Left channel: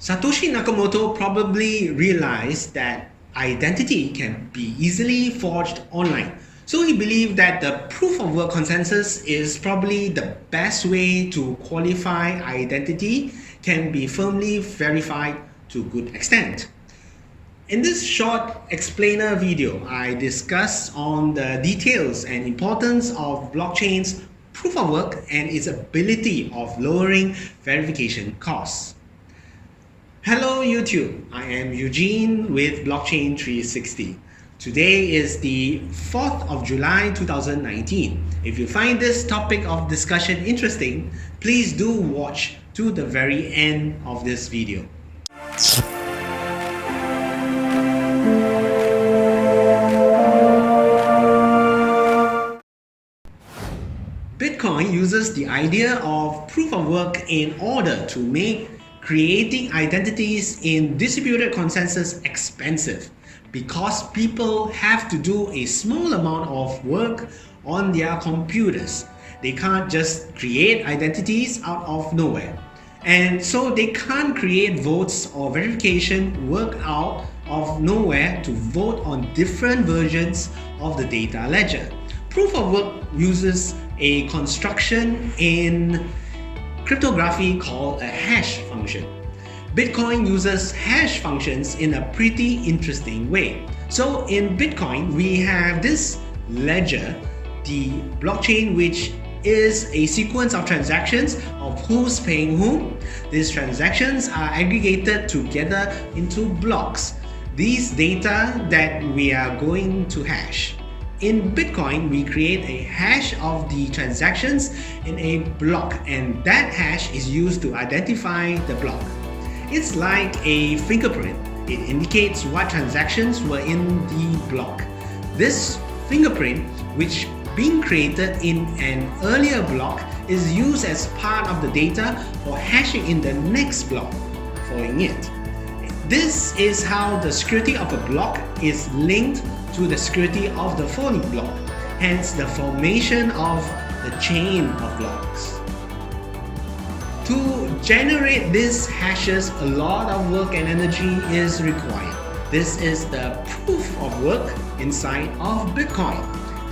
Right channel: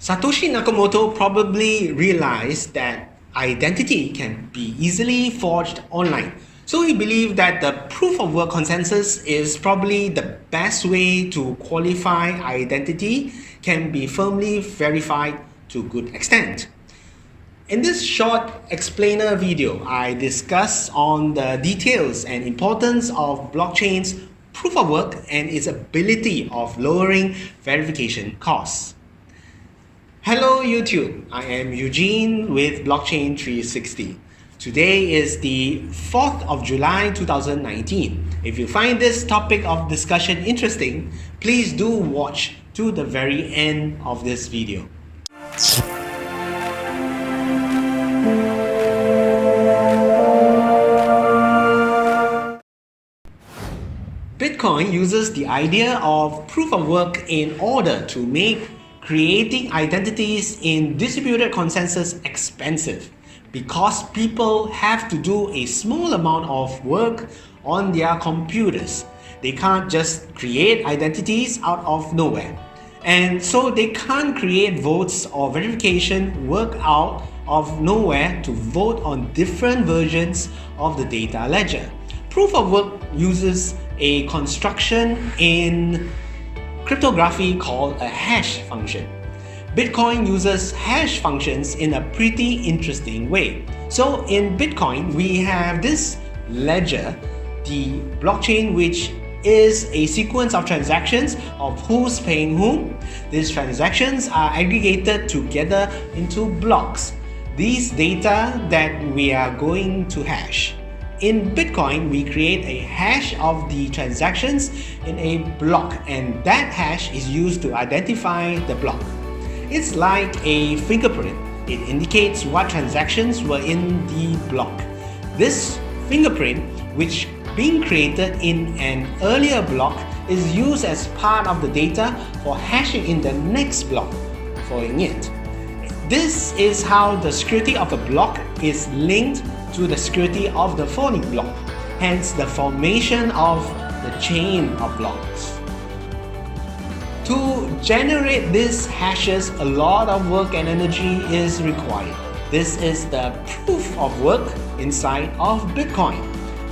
Satoshi Nakamoto probably realized that identity can be easily forged online. So he believed that the proof of work consensus is probably the best way to qualify identity can be firmly verified to a good extent. In this short explainer video, I discuss on the details and importance of blockchain's proof of work and its ability of lowering verification costs. Hello YouTube, I am Eugene with Blockchain 360. Today is the 4th of July 2019. If you find this topic of discussion interesting, please do watch to the very end of this video. Bitcoin uses the idea of proof of work in order to make creating identities in distributed consensus expensive because people have to do a small amount of work on their computers. They can't just create identities out of nowhere. And so they can't create votes or verification work out of nowhere to vote on different versions of the data ledger. Proof of work uses a construction in cryptography called a hash function. Bitcoin uses hash functions in a pretty interesting way. So in Bitcoin, we have this ledger, the blockchain, which is a sequence of transactions of who's paying whom. These transactions are aggregated together into blocks. These data that we are going to hash. In Bitcoin, we create a hash of the transactions in a block, and that hash is used to identify the block. It's like a fingerprint. It indicates what transactions were in the block. This fingerprint, which being created in an earlier block, is used as part of the data for hashing in the next block following it. This is how the security of a block is linked to the security of the following block, hence the formation of the chain of blocks. To generate these hashes, a lot of work and energy is required. This is the proof of work inside of Bitcoin.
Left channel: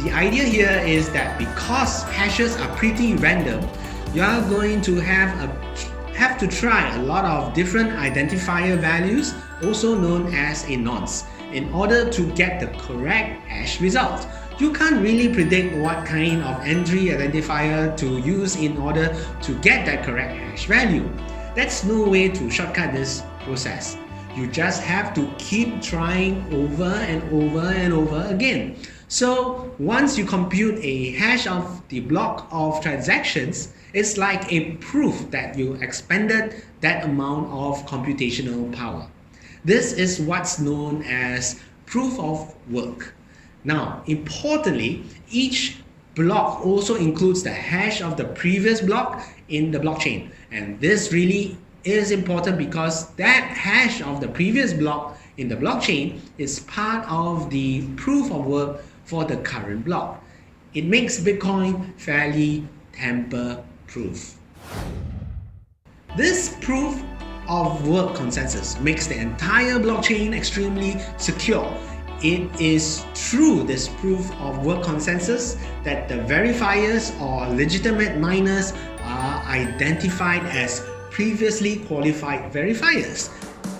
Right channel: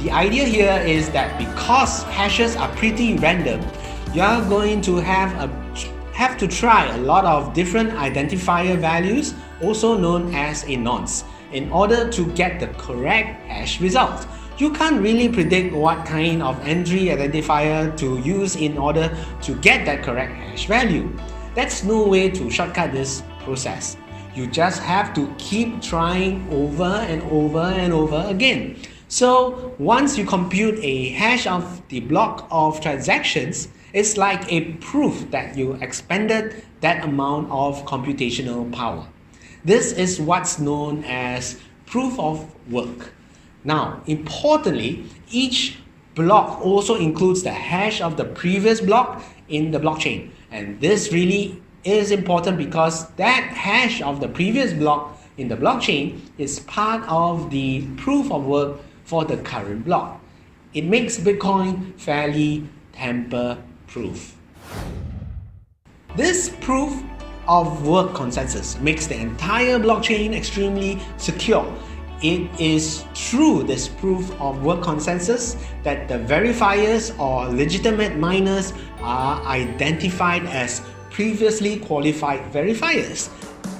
The idea here is that because hashes are pretty random, you are going to have to try a lot of different identifier values, also known as a nonce, in order to get the correct hash result. You can't really predict what kind of entry identifier to use in order to get that correct hash value. That's no way to shortcut this process. You just have to keep trying over and over and over again. So once you compute a hash of the block of transactions, it's like a proof that you expended that amount of computational power. This is what's known as proof of work. Now, importantly, each block also includes the hash of the previous block in the blockchain. And this really is important because that hash of the previous block in the blockchain is part of the proof of work for the current block. It makes Bitcoin fairly tamper-proof. This proof of work consensus makes the entire blockchain extremely secure. It is through this proof of work consensus that the verifiers or legitimate miners are identified as previously qualified verifiers.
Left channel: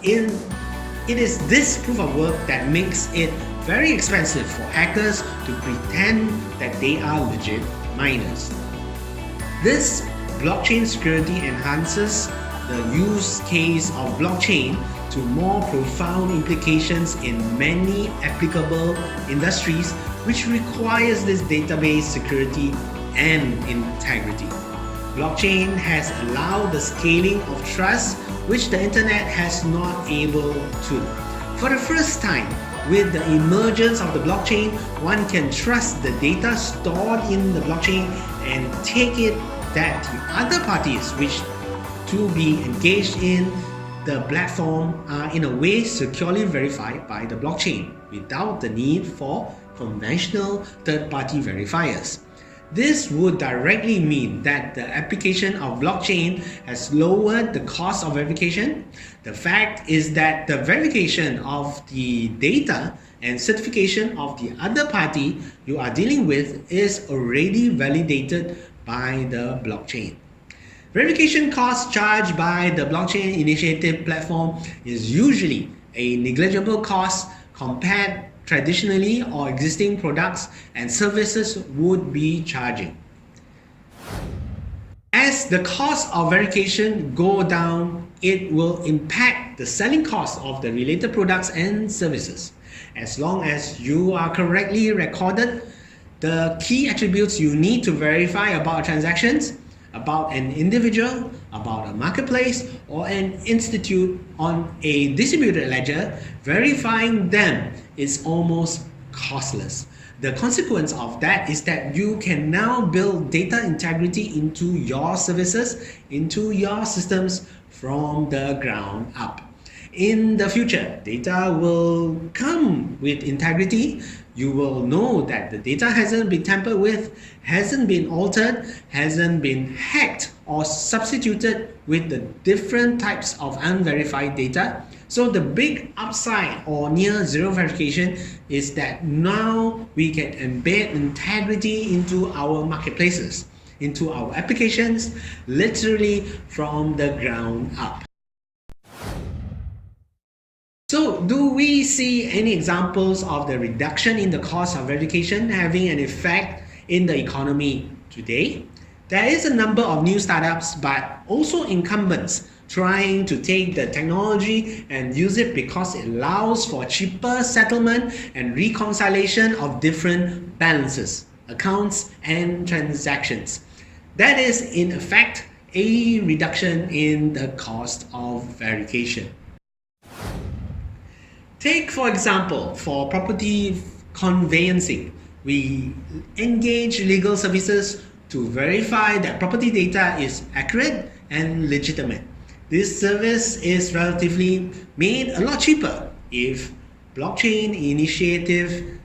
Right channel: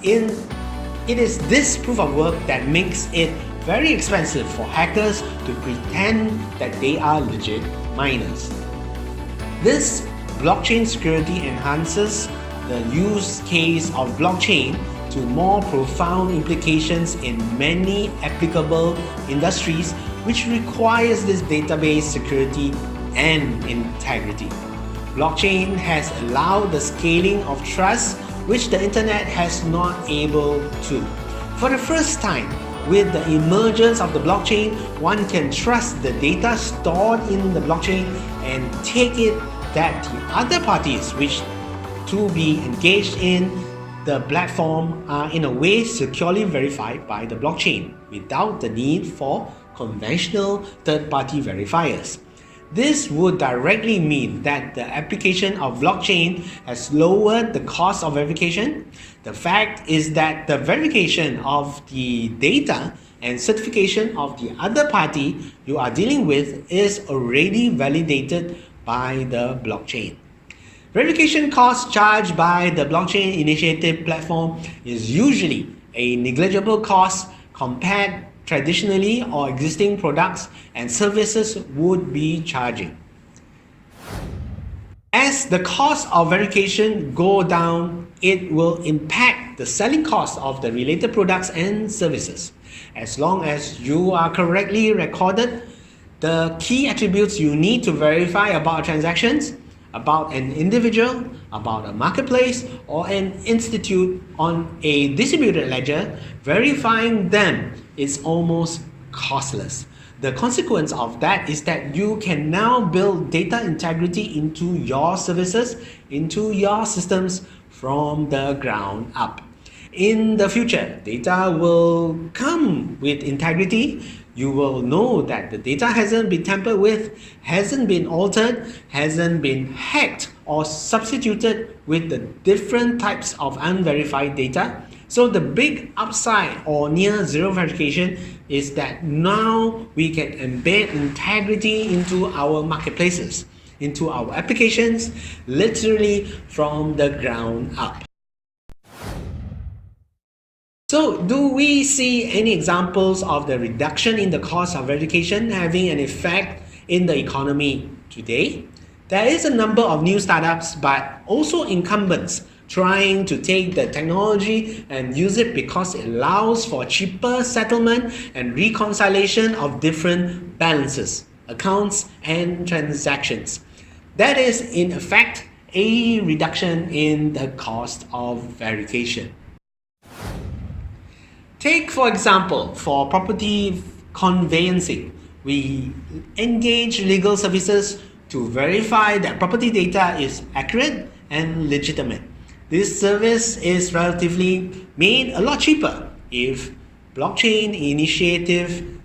It is this proof of work that makes it very expensive for hackers to pretend that they are legit miners. This blockchain security enhances the use case of blockchain to more profound implications in many applicable industries, which requires this database security and integrity. Blockchain has allowed the scaling of trust, which the internet has not able to. For the first time, with the emergence of the blockchain, one can trust the data stored in the blockchain and take that to other parties which to be engaged in the platform are in a way securely verified by the blockchain without the need for conventional third-party verifiers. This would directly mean that the application of blockchain has lowered the cost of verification. The fact is that the verification of the data and certification of the other party you are dealing with is already validated by the blockchain. Verification costs charged by the blockchain initiative platform is usually a negligible cost compared traditionally or existing products and services would be charging. As the cost of verification go down, it will impact the selling cost of the related products and services. As long as you are correctly recorded, the key attributes you need to verify about transactions, about an individual, about a marketplace, or an institute on a distributed ledger, verifying them is almost costless. The consequence of that is that you can now build data integrity into your services, into your systems from the ground up. In the future, data will come with integrity. You will know that the data hasn't been tampered with, hasn't been altered, hasn't been hacked or substituted with the different types of unverified data. So the big upside or near zero verification is that now we can embed integrity into our marketplaces, into our applications, literally from the ground up. So do we see any examples of the reduction in the cost of verification having an effect in the economy today? There is a number of new startups, but also incumbents trying to take the technology and use it because it allows for cheaper settlement and reconciliation of different balances, accounts, and transactions. That is, in effect, a reduction in the cost of verification. Take, for example, for property conveyancing, we engage legal services to verify that property data is accurate and legitimate. This service is relatively made a lot cheaper if blockchain initiative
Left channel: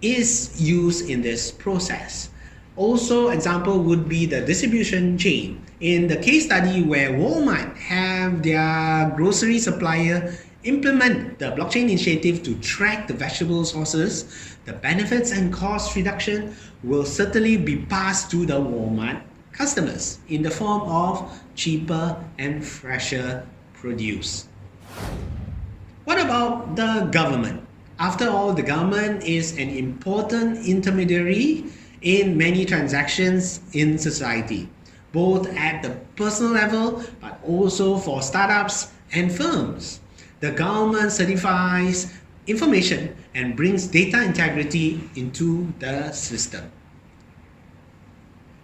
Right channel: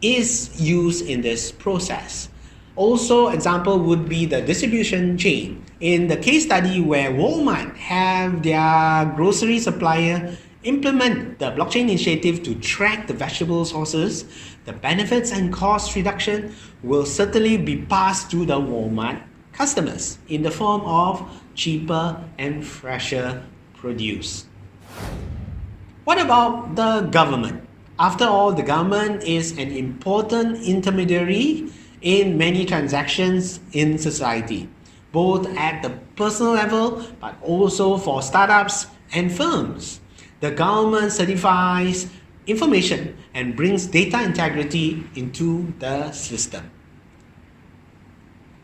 is used in this process. Also, example would be the distribution chain. In the case study where Walmart have their grocery supplier implement the blockchain initiative to track the vegetable sources, the benefits and cost reduction will certainly be passed to the Walmart customers in the form of cheaper and fresher produce. What about the government? After all, the government is an important intermediary in many transactions in society, both at the personal level but also for startups and firms. The government certifies information and brings data integrity into the system.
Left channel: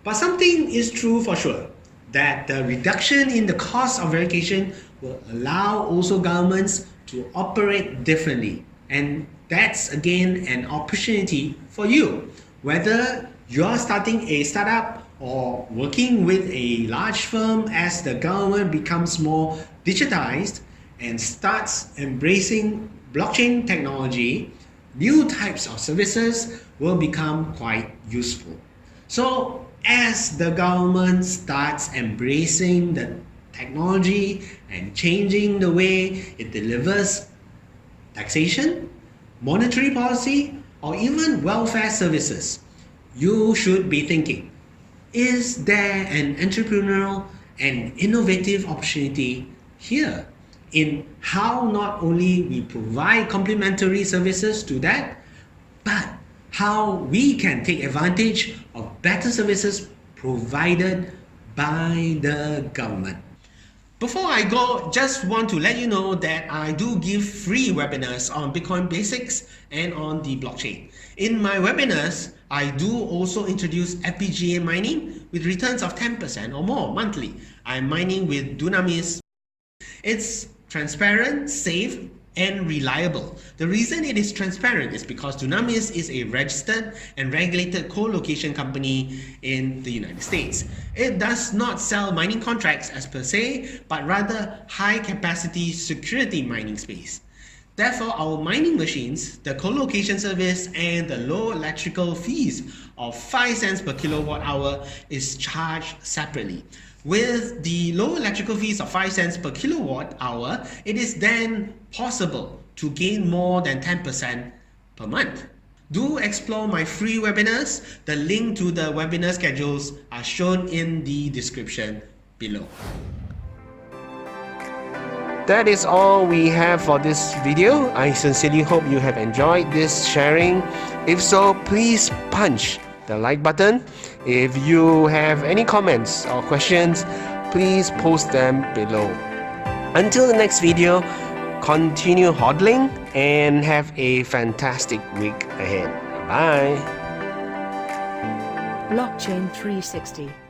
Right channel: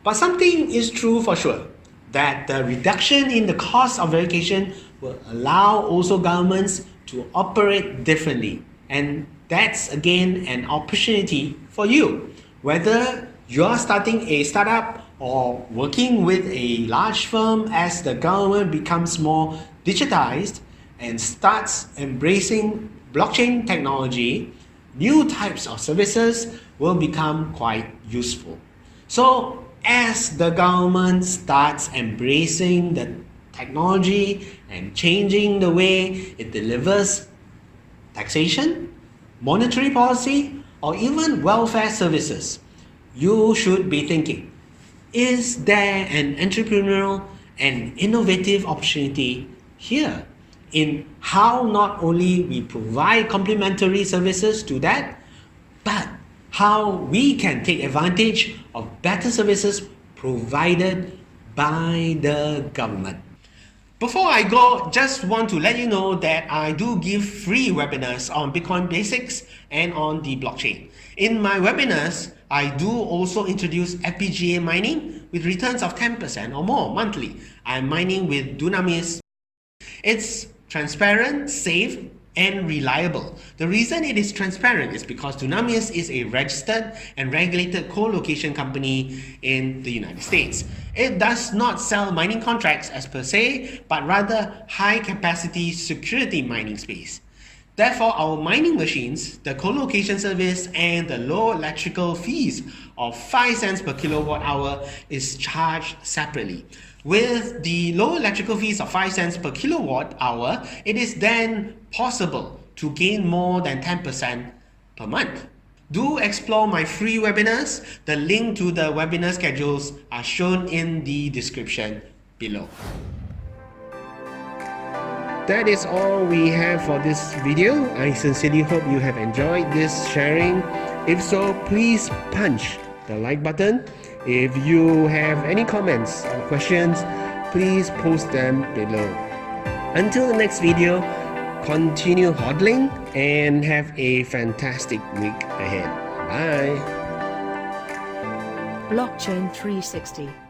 But something is true for sure, that the reduction in the cost of verification will allow also governments to operate differently. And that's again an opportunity for you. Whether you're starting a startup or working with a large firm, as the government becomes more digitized and starts embracing blockchain technology, new types of services will become quite useful. So as the government starts embracing the technology and changing the way it delivers taxation, monetary policy, or even welfare services, you should be thinking, is there an entrepreneurial and innovative opportunity here in how not only we provide complementary services to that, but how we can take advantage of better services provided by the government. Before I go, just want to let you know that I do give free webinars on Bitcoin basics and on the blockchain. In my webinars, I do also introduce FPGA mining with returns of 10% or more monthly. I'm mining with Dunamis. It's transparent, safe, and reliable. The reason it is transparent is because Dunamis is a registered and regulated co-location company in the United States. It does not sell mining contracts as per se, but rather high-capacity security mining space. Therefore, our mining machines, the co-location service, and the low electrical fees of 5 cents per kilowatt hour is charged separately. With the low electrical fees of 5 cents per kilowatt hour, it is then possible to gain more than 10% per month. Do explore my free webinars. The link to the webinar schedules are shown in the description below. That is all we have for this video. I sincerely hope you have enjoyed this sharing. If so, please punch the like button. If you have any comments or questions, please post them below. Until the next video, continue hodling and have a fantastic week ahead. Bye. Blockchain 360.